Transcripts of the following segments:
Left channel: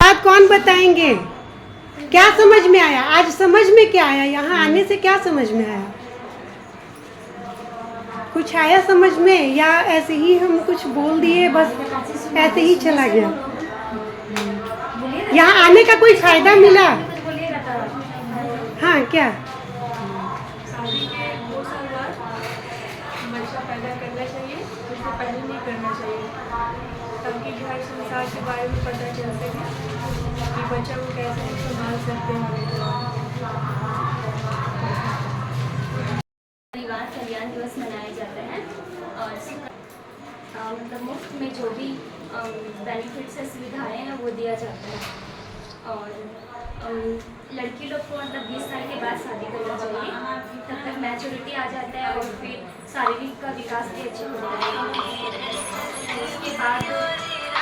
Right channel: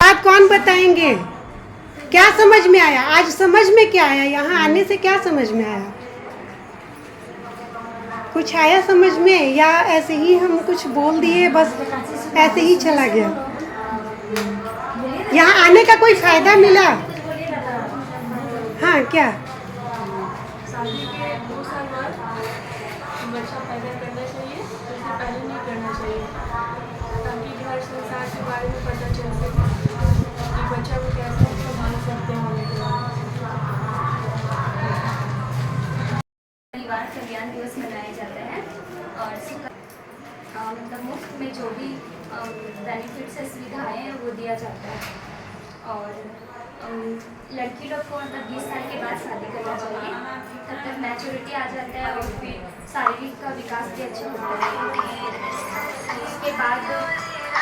बात कौन बताएंगे? क्या समझ में आया? आज समझ में क्या आया? यहाँ आने से क्या समझ में आया? कुछ आया समझ में, या ऐसे ही हम कुछ बोल दिए बस ऐसे ही चला गया? यहाँ आने का कोई फायदा मिला? हाँ, क्या? शादी के 2 साल बाद बच्चा पैदा करना चाहिए, उससे पहले नहीं करना चाहिए, ताकि घर संसार के बारे में पता चल सके कि बच्चा को कैसे संभाल सकते हैं। परिवार कल्याण दिवस मनाया जाता है और मतलब मुफ्त में जो भी बेनिफिट्स है, सुविधाएँ हैं, वो दिया जाता है। और लड़की लोग को मतलब 20 साल के बाद शादी करना चाहिए, तब तक मैच्योरिटी आ जाता है और फिर शारीरिक का विकास भी अच्छा होता है। उसके बाद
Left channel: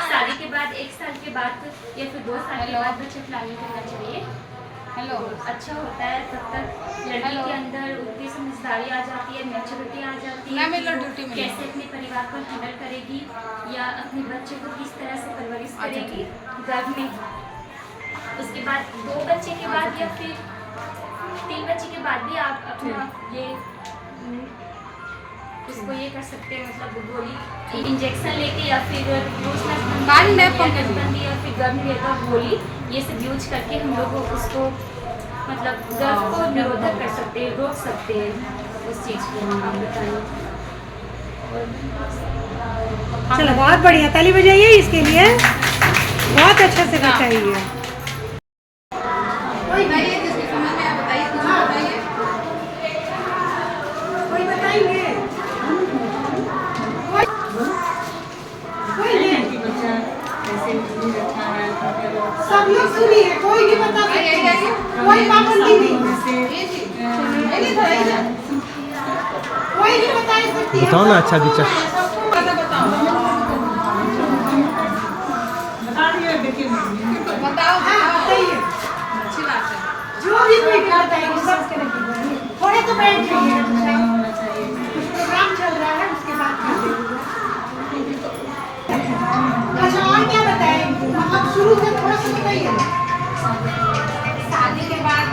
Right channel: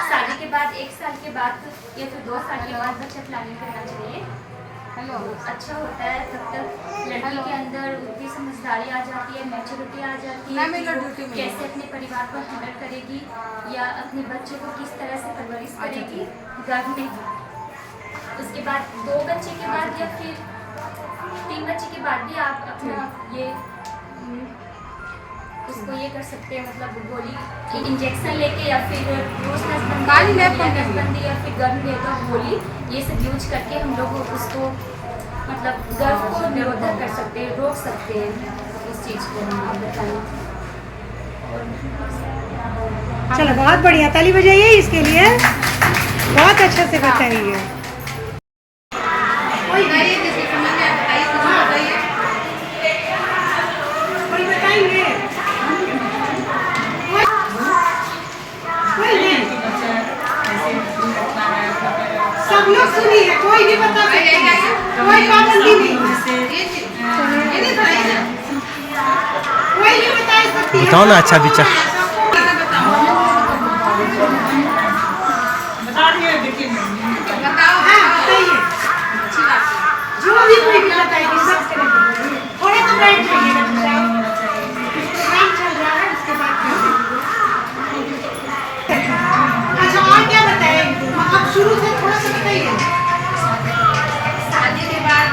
शादी के बाद 1 साल के बाद या फिर 2 साल के बाद बच्चा प्लानिंग करना चाहिए। अच्छा होता है, तब तक लड़की के अंदर उतनी समझदारी आ जाती है, मैच्योरिटी आ जाती है कि कैसे अपने परिवार को हैंडल करेगी या अपने बच्चों को किस तरह से परवरिश करेगी गर्भ में। उसके बाद 2 बच्चे के बाद या फिर 3 बच्चे के बाद भी आप अपना ये उसको ये कर सकते हैं, मतलब गोली इंजेक्शन लेके या फिर नसबंदी या फिर गर्भ निरोधक गोली, ये सब यूज करके हम लोग उसको मतलब गर्भ को निरोधक कर सकते हैं, रोक सकते हैं उस चीज़ को। आप बताइए। चलो, बहुत बढ़िया, ताली बजाइए इसके लिए, बहुत अच्छा से बताइए। सब लोग सुनी है, कोई भी बता सकते हैं, कोई पाबंदी नहीं, कोई भी बता सकती है। बताओ ना अच्छा विचार। बताओ, हाँ बताइए, जो भी कोई बताएगी सब करेंगे। थोड़े तो बैठ जाइएगा, प्रोग्राम चल रहा है, उसके बाद कर देंगे। अच्छा, और क्या बताएंगे? मतलब शुरू से थोड़ा सा बताइए। शादी के बाद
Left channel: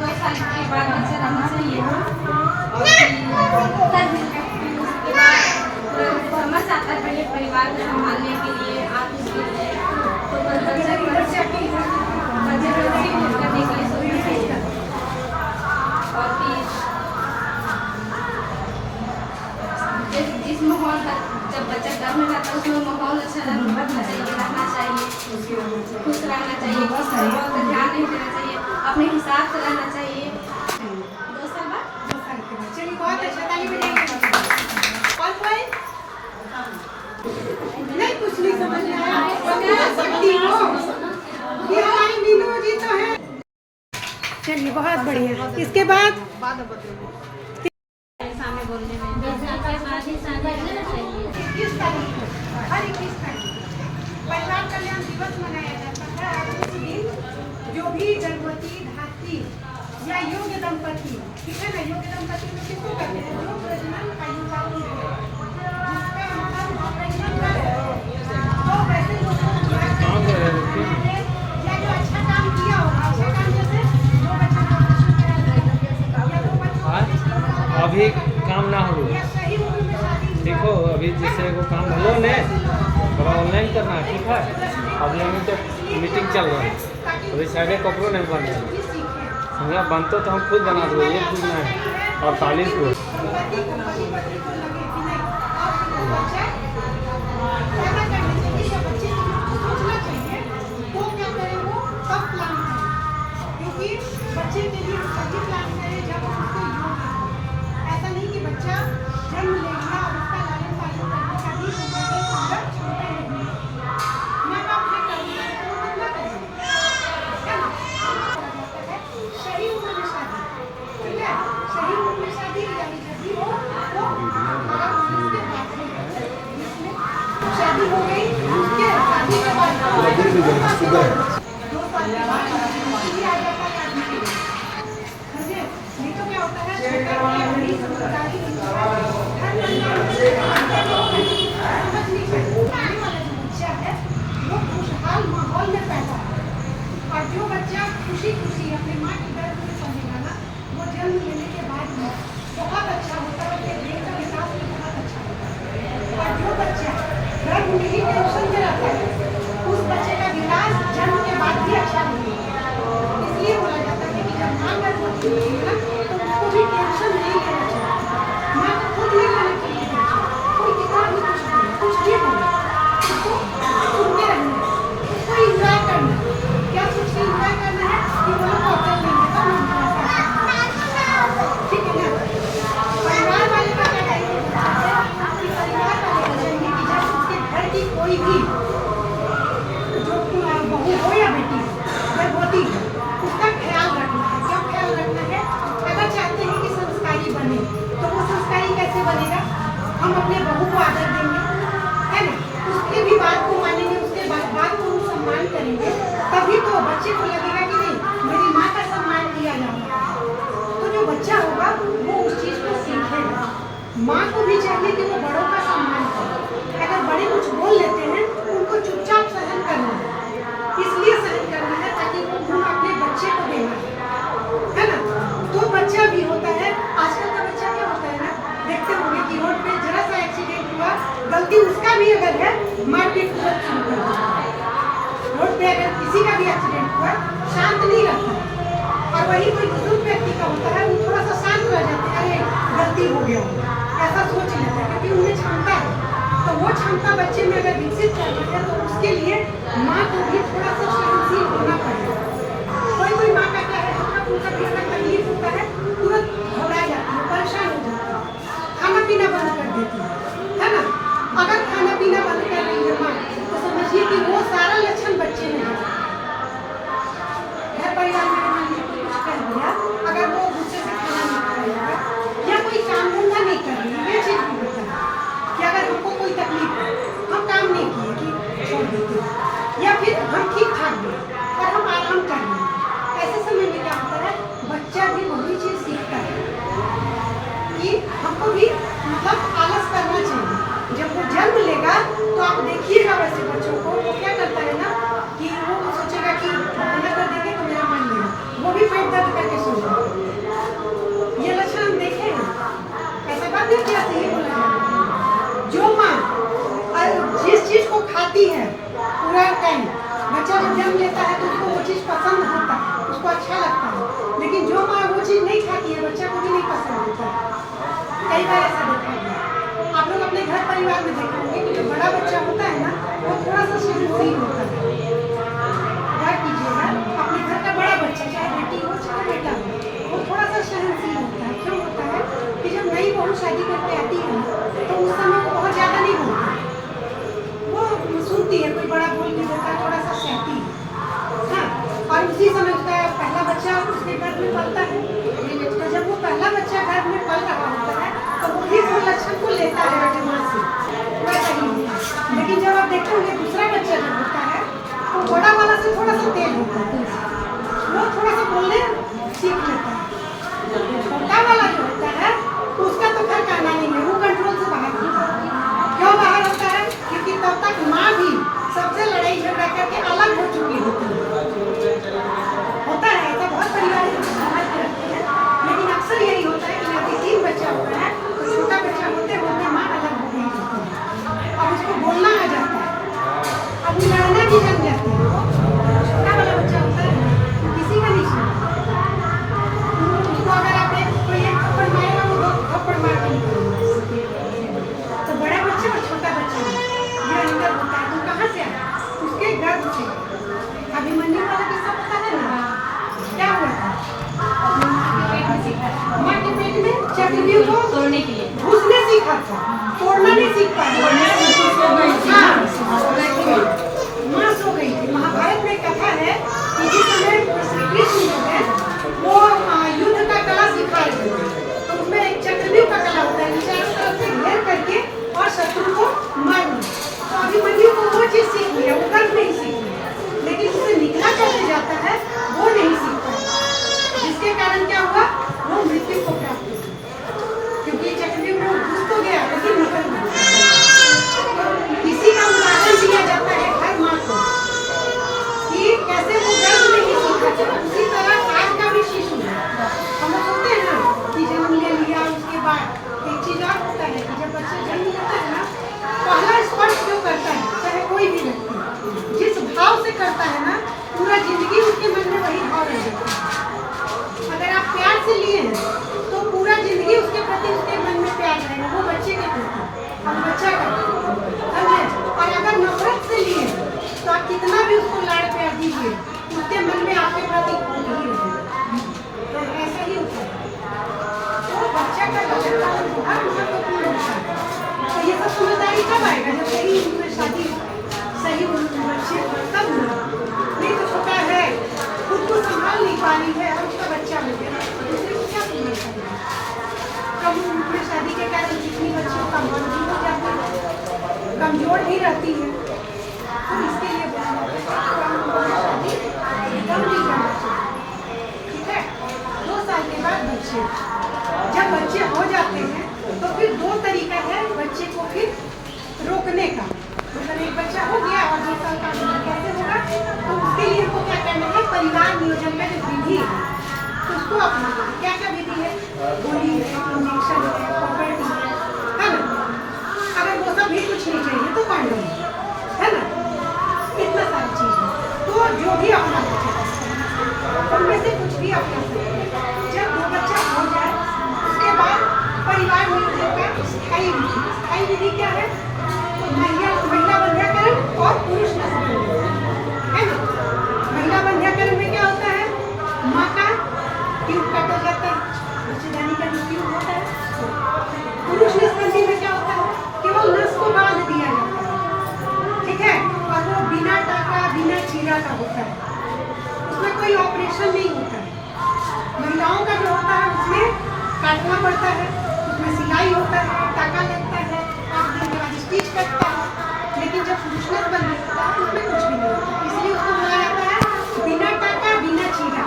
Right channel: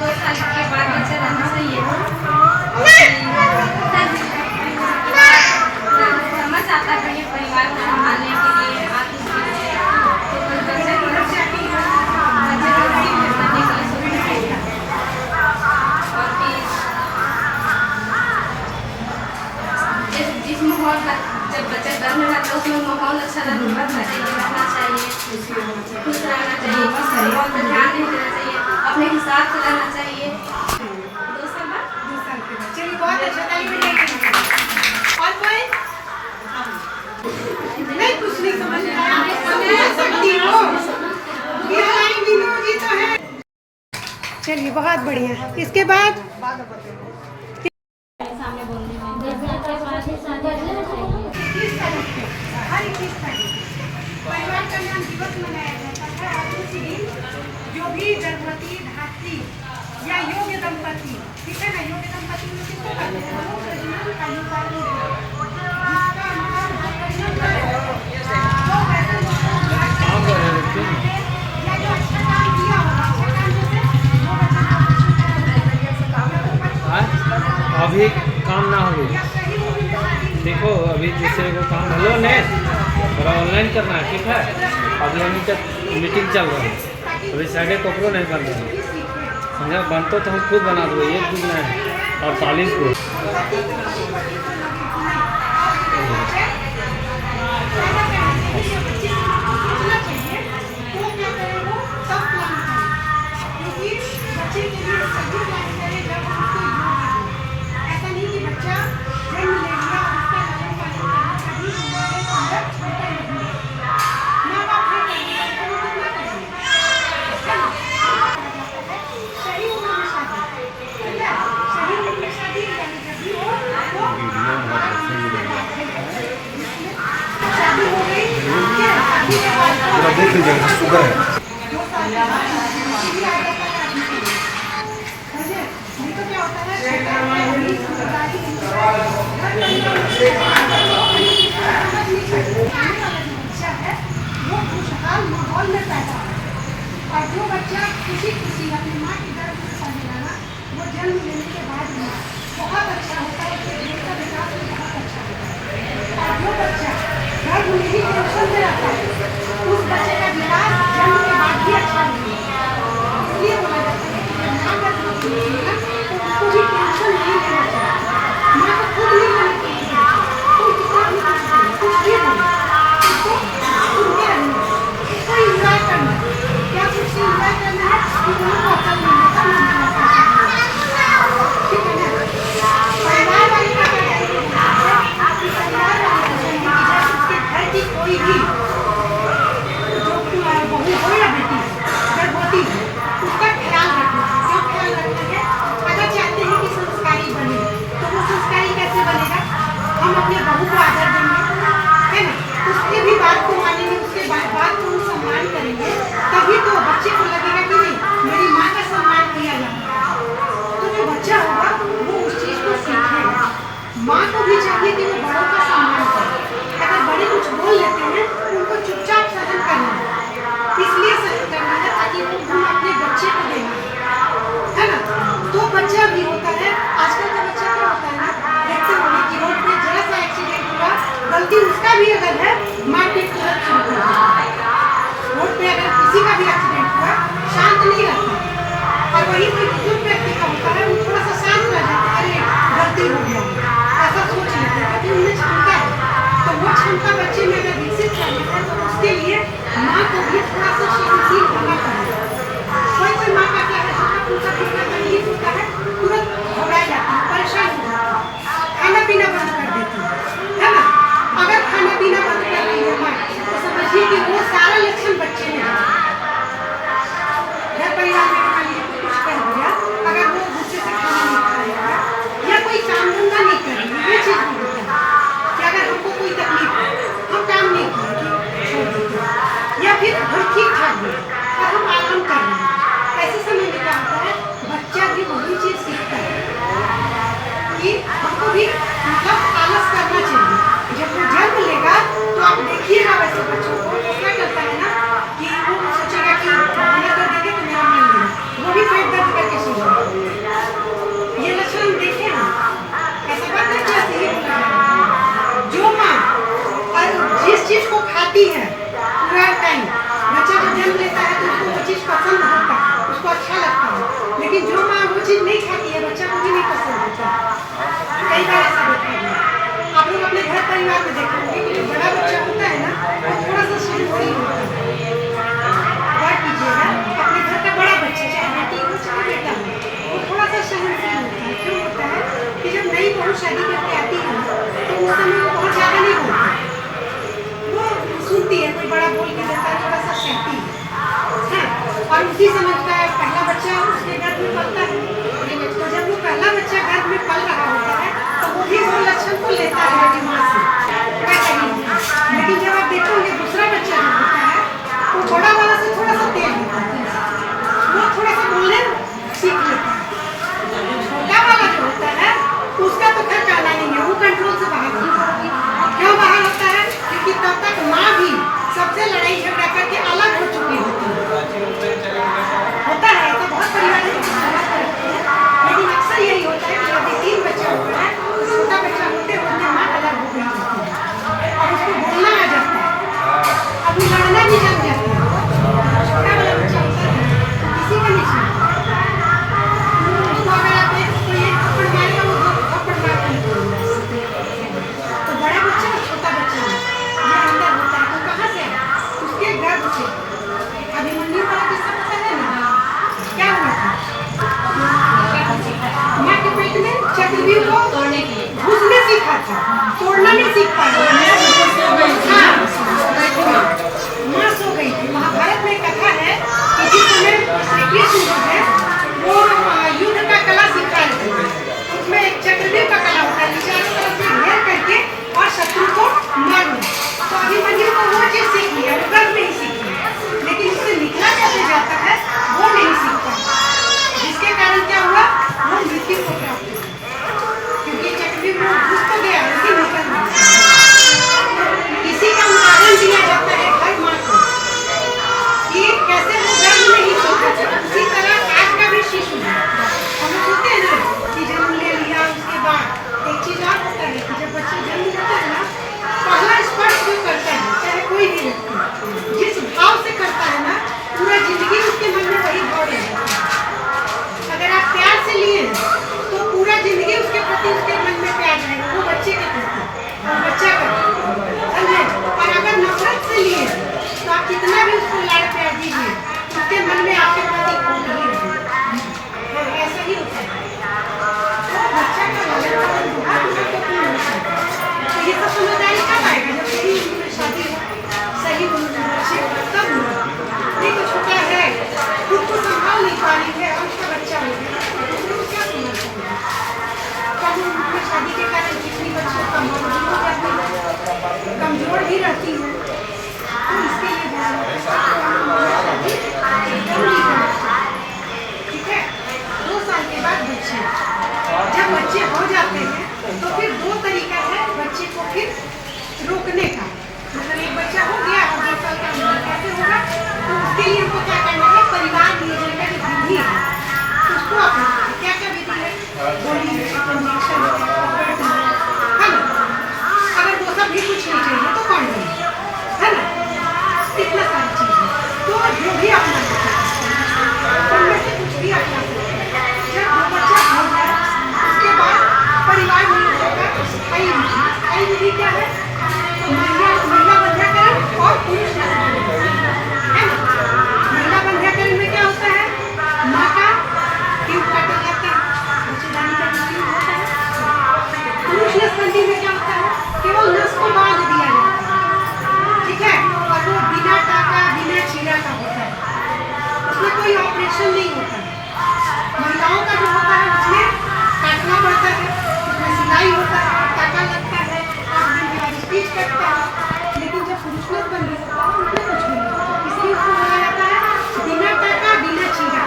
2 साल के बाद बच्चा रहना चाहिए। समझ आता है परिवार को संभालने के लिए, जिस माहौल का जब बच्चा गर्भ में रहता है उसमें माहौल अच्छा रहना चाहिए, खुश रहना चाहिए, बहुत ध्यान नहीं देना चाहिए, अपने हिसाब से रहना चाहिए। 2 साल बाद चलिए, बहुत अच्छा, ताली बजाइए। और कोई नहीं, कुछ नहीं समझ में आया, सकती हो ये लाइन विनोदी तो है। चलिए, बहुत बढ़िया। इसके बाद सामने बोलने में हर 21 तारीख परिवार कल्याण दिवस मनाया जाता है। और उस दिन जो भी गर्भवती, धात्री या योग्य दंपति, ठीक है ना, योग्य दंपति में किसको कहते हैं? हम लोग प्रजनन आयु जिसका मतलब तो वैसे या जो अच्छा काम किया होगा, अच्छे काम जैसे वो बच्चा अभी काम ना हो, देखो अभी जैसे वो काम हुआ ने थोड़ा ऑनलाइन करना है, ठीक है। अभी मीटिंग चल रहा है, अभी से आगे कपड़ों नहीं बन रहा है, समझा। बनते तो हम खुद बना दो, 1 दिन में 48 को। बच्चे के लिए सभी प्लान करें जब उसको योग आए। ऐसा नहीं कि बच्चा जन्म ले लिया और उसका लालन पालन करने का भी हमारे अंदर क्षमता नहीं है। माँ बाप ये कहेंगे तो वो कितना करेंगे, है ना? सही उम्र में शादी, ठीक है, सही उम्र में शादी यानी जब हो शादी हो गई, ठीक है, शादी के बाद 2 साल के बाद शादी आ जाता है आदमी के लिए। नहीं तो क्या होता है, माहौल में पैदा हो। और जो बच्चा खुशी खुशी अपनी माँ की गर्भ में पलेगा ना, वो जन्म लेने के बाद भी बहुत अच्छा होता है, उसके जीवन का विकास भी बहुत अच्छा होता है। और जो बच्चा गर्भ में ही टेंशन में रहता है, उस बच्चे का विकास जन्म के बाद भी अच्छा नहीं होता। इसलिए बोला जाता है कि जब माँ गर्भ में होती है ना, तो उसको भी टेंशन नहीं लेना चाहिए। माँ को खुद नहीं लेना चाहिए, तुम कितना भी कुछ भी बोलो, उसको सुनते रहना, उसको इंजॉय करना। क्या कुछ इंजॉय करना है कि वहाँ को अकल नहीं है, तब हम ऐसा करते हैं। ठीक है ना? परिवार वाले का क्या करेंगे कि परिवार वाले करेंगे कि जब उसके घर की कोई भी जो बहू हो या बेटी गर्भवती हो, उसका ख्याल रखना है। क्या ख्याल रखना है? अगर चाहते हैं कि संस्कारी बने, तो वो संस्कारी कैसे बनेगा? हम अपने बहू को आदर देंगे, है ना? उसके भी बात को मानेंगे, उसके बात को सम्मान करेंगे, तभी तो बच्चे को लगेगा कि नहीं मेरी माँ का सम्मान किया जा रहा है। तो जो बच्चा होगा वो उस चीज़ को सीखेगा। माँ को भी चाहिए कि वो बड़ों का सम्मान करे। अगर बड़े कुछ बोल लेते हैं, उनको चुपचाप सहन करना है। इसलिए सहन करना है ताकि वो गुण अपने बच्चे को देना है ना? तो बच्चा भी होता है, आजकल का बच्चा क्या होता है ना, देखते होंगे कि रोड पे जरा सा एक्सीडेंट हुआ, गलती उसका भी अगर है, मारपीट तुरंत शुरू कर देता है। रोड पे अगर किसी का भी एक्सीडेंट हुआ, शांत नहीं रहता है। और वही कोई बुजुर्ग व्यक्ति का होता है, वो थोड़ा सा शांत रह जाता है, अरे गलती हो गया, ऐसा सोच लेते हैं कि उन्हें क्षमता है। तो वो क्षमता बच्चे में अगर विकसित कर लेते हैं, तो उसके लिए माँ को भी थोड़ा सा सहनशील होना पड़ेगा। कोई माँ का क्या है, उनका कितना तकलीफ होता है, तुरंत घबरा जाती है, परेशान हो जाती है, खाना पीना बंद कर देती है ना? अगर खाना पीना बंद कर रही है माँ, तो समझिए कि वो सारा लक्षण बच्चे में है। घर परिवार में मान लीजिए कुछ कह दिया, अगर वो गुस्से से खाना नहीं खाएगा या कोई काम धंधा नहीं करेंगे, ये चीज़ भी होता है कि अगर हमको कोई तकलीफ है, हम काम नहीं किए, छोड़ देते, या फिर घर ठीक ठाक है और हम आराम कर रहे हैं, ऐसे समय में क्या होता है, बच्चा भी वही चीज़ सीखता है कि हमको भी मतलब आलस करना चाहिए। जब वो जन्म लेगा तो आप देखिएगा वैसे बच्चों को, वो क्या करता है ना कि वो सोचेगा कि बहाना कर देंगे तो मेरा मन लेगा, वो भी पेट दर्द करके सोचेगा। ये लक्षण हम देखे हैं, ऐसा बात नहीं चाहती है। जो माँ और जिस चीज़ को खाती है पूरा टाइम, बच्चा जब जन्म लेता है तो उसको वो चीज़ पसंद होता है, उसको अच्छा लगता है, लेकिन जो माँ वो चीज़ नहीं खाती है, बच्चा को भी नहीं पसंद होता। कई बार ऐसा देखा है, आप लोग अपने घर परिवार में देखते होंगे कि जो बड़ा बच्चा होता है ना, वो थोड़ा सा सहनशील होता है। बात कीजिएगा, अपने घर का बड़ा बच्चा, चाहे बेटी हो चाहे बेटा हो, वो थोड़ा सा सहनशील होता है। क्यों होता है कि जब नई बहू शादी करके आती है तो उस समय वो बहुत ज़्यादा नहीं बोलती, वो सुनती है, कोई बड़ा बोल भी देता है, थोड़ा सा सहती है, और उसी समय का पहला बच्चा उसके गर्भ में पलता है। तो जब वो पहला बच्चा गर्भ में पल रहा होता है, तो वो भी वो लक्षण को लेता है बेटी माँ से, लेकिन जब आप देखोगे दूसरा बच्चा जो होता है, वो बड़ा वाला से थोड़ा सा तेज होता है, वो थोड़ा सा बोलने सीख लेता है। छोटा वाला जो होता है उसका तो खैर कहना नहीं है, वो कंट्रोल से बाहर होता है। क्यों बाहर होता है? क्योंकि तब तक माँ भी सबसे लड़ाई झगड़ा करके अलग हो चुकी होती है। होता है ऐसा, बहुत परिवार करते हैं, लेकिन अक्सर यही होता है कि यदि 3 बच्चा होता है, छोटा बच्चा होते होते माँ अलग हो गई होती है और उसको बोलना आ जाता है, अब वो लड़ना भी जम जाता है। छोटा वाला बच्चा होता है किसी का नहीं सुनता, उसको अगर आप तो ये थप्पड़ मारेगा, वो थप्पड़ मार के निकलेगा। तो बड़ा बच्चा और छोटा बच्चा ये अंदर होता है, तो कहाँ से उसके गर्भ से। अभिमन्यु का किस्सा पता है ना, क्या हुआ था? माँ के पेट में चक्रव्यूह को तोड़ने के लिए घुसने सीखा था, तोड़ना नहीं सीख पाया। माँ सो गई थी। महाभारत में कथा है कि जिस समय श्री कृष्ण जो है वो युद्ध का कला सिखा रहे थे, तो उसमें एक चक्रव्यूह का कला होता है, चारों तरफ से घेर करके और शत्रु को मारना। तो अभिमन्यु को वो चीज़ सीख लिया, वो गर्भ नहीं सीखी, लेकिन उससे निकला कैसे जाता है वो नहीं सीख पाया, जिसके कारण क्या हुआ, वो मृत्यु को प्राप्त हुआ, क्योंकि चक्रव्यूह में घुस तो गया लेकिन निकल नहीं। रोकने का, मतलब एक बच्चा हो गया और 2 साल का कैसे होगा, तो उसके लिए हमको क्या करना है, परिवार नियोजन का जो विधि है उसको अपनाना है। क्या क्या विधि है, गोली, इंजेक्शन, है ना। अगर वो सब भी कुछ नहीं चाहिए तो कौन नहीं, है ना, इतना सारी चीज़ है। तो जो भी अपना उनमें से कुछ भी अपना सकते हैं। जब वो बच्चा हो जाए उसके बाद परिवार नियोजन का कई विधि क्या है, महिला बंध्याकरण और पुरुष नस्लबंदी, है ना। महिला बंध्याकरण में क्या होता है, माँ का ट्यूब काटा जाता है, बच्चेदानी का ट्यूब होता है। पुरुष नसबंदी में क्या होता है, केवल नस को बांध दिया जाता है, ठीक है, और वो बिना टाका बिना चीरा का होता है, उसमें कोई ऑपरेशन नहीं होता है। महिलाओं का जो होता है उसमें काटना पड़ता है, उसमें सिलाई होता है, टाका लगता है, 8 दिन के बाद स्टिच कटता है। लेकिन जब पुरुष नसबंदी होता है उसमें कुछ भी नहीं होता, इसलिए उसको बोला जाता है बिना टाका बिना चीरा,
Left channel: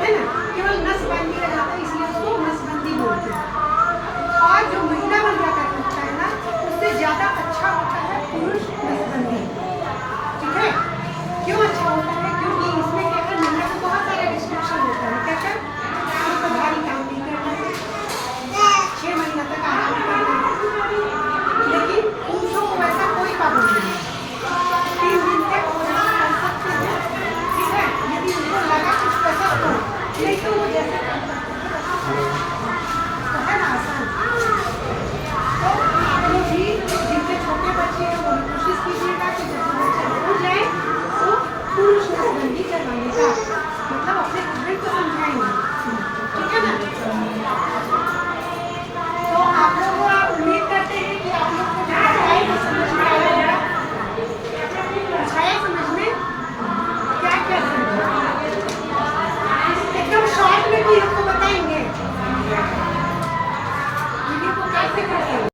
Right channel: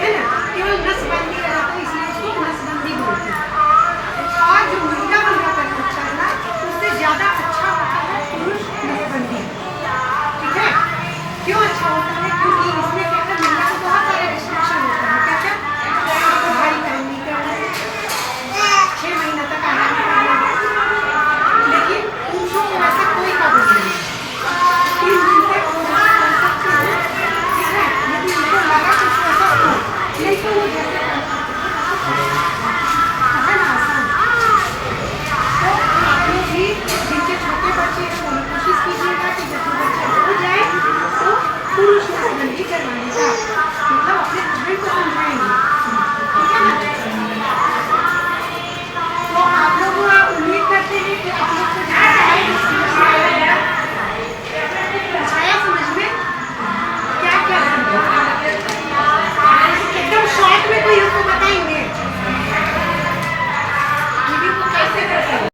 है ना, केवल नस बांध दिया जाता है, इसलिए उसको नसबंदी बोलते हैं। और जो महिला बंध्याकरण होता है ना, उससे ज़्यादा अच्छा होता है पुरुष नसबंदी, ठीक है। क्यों अच्छा होता है, क्योंकि इसमें क्या है, महिला को बहुत सारे रिस्ट्रिक्शन होता है, क्या क्या, उसको भारी काम नहीं करना है, 6 महीना तक आराम करना है। लेकिन पुरुषों को ऐसा कोई पाबंदी नहीं है, 3 दिन तक वो जैसे कर सकते हैं, ठीक है, यदि उनको लगा कुछ ऐसा हो, नहीं तो वो जैसे है ना, आसान। तो आप लोग भी जिनके छोटे बच्चे हैं वो कोशिश कीजिएगा कि जब वो बच्चा हो जाए तो पुरुष नसबंदी करवाने का, मतलब अपने हस्बैंड को समझाएंगे, ठीक है ना। तो आप लोग उम्मीद करते हैं कि आप लोग को जो समझ में आया, समझ में क्या क्या एकदम शॉर्ट में कोई हमको बताएंगे वीडियो को कैसे करते हैं।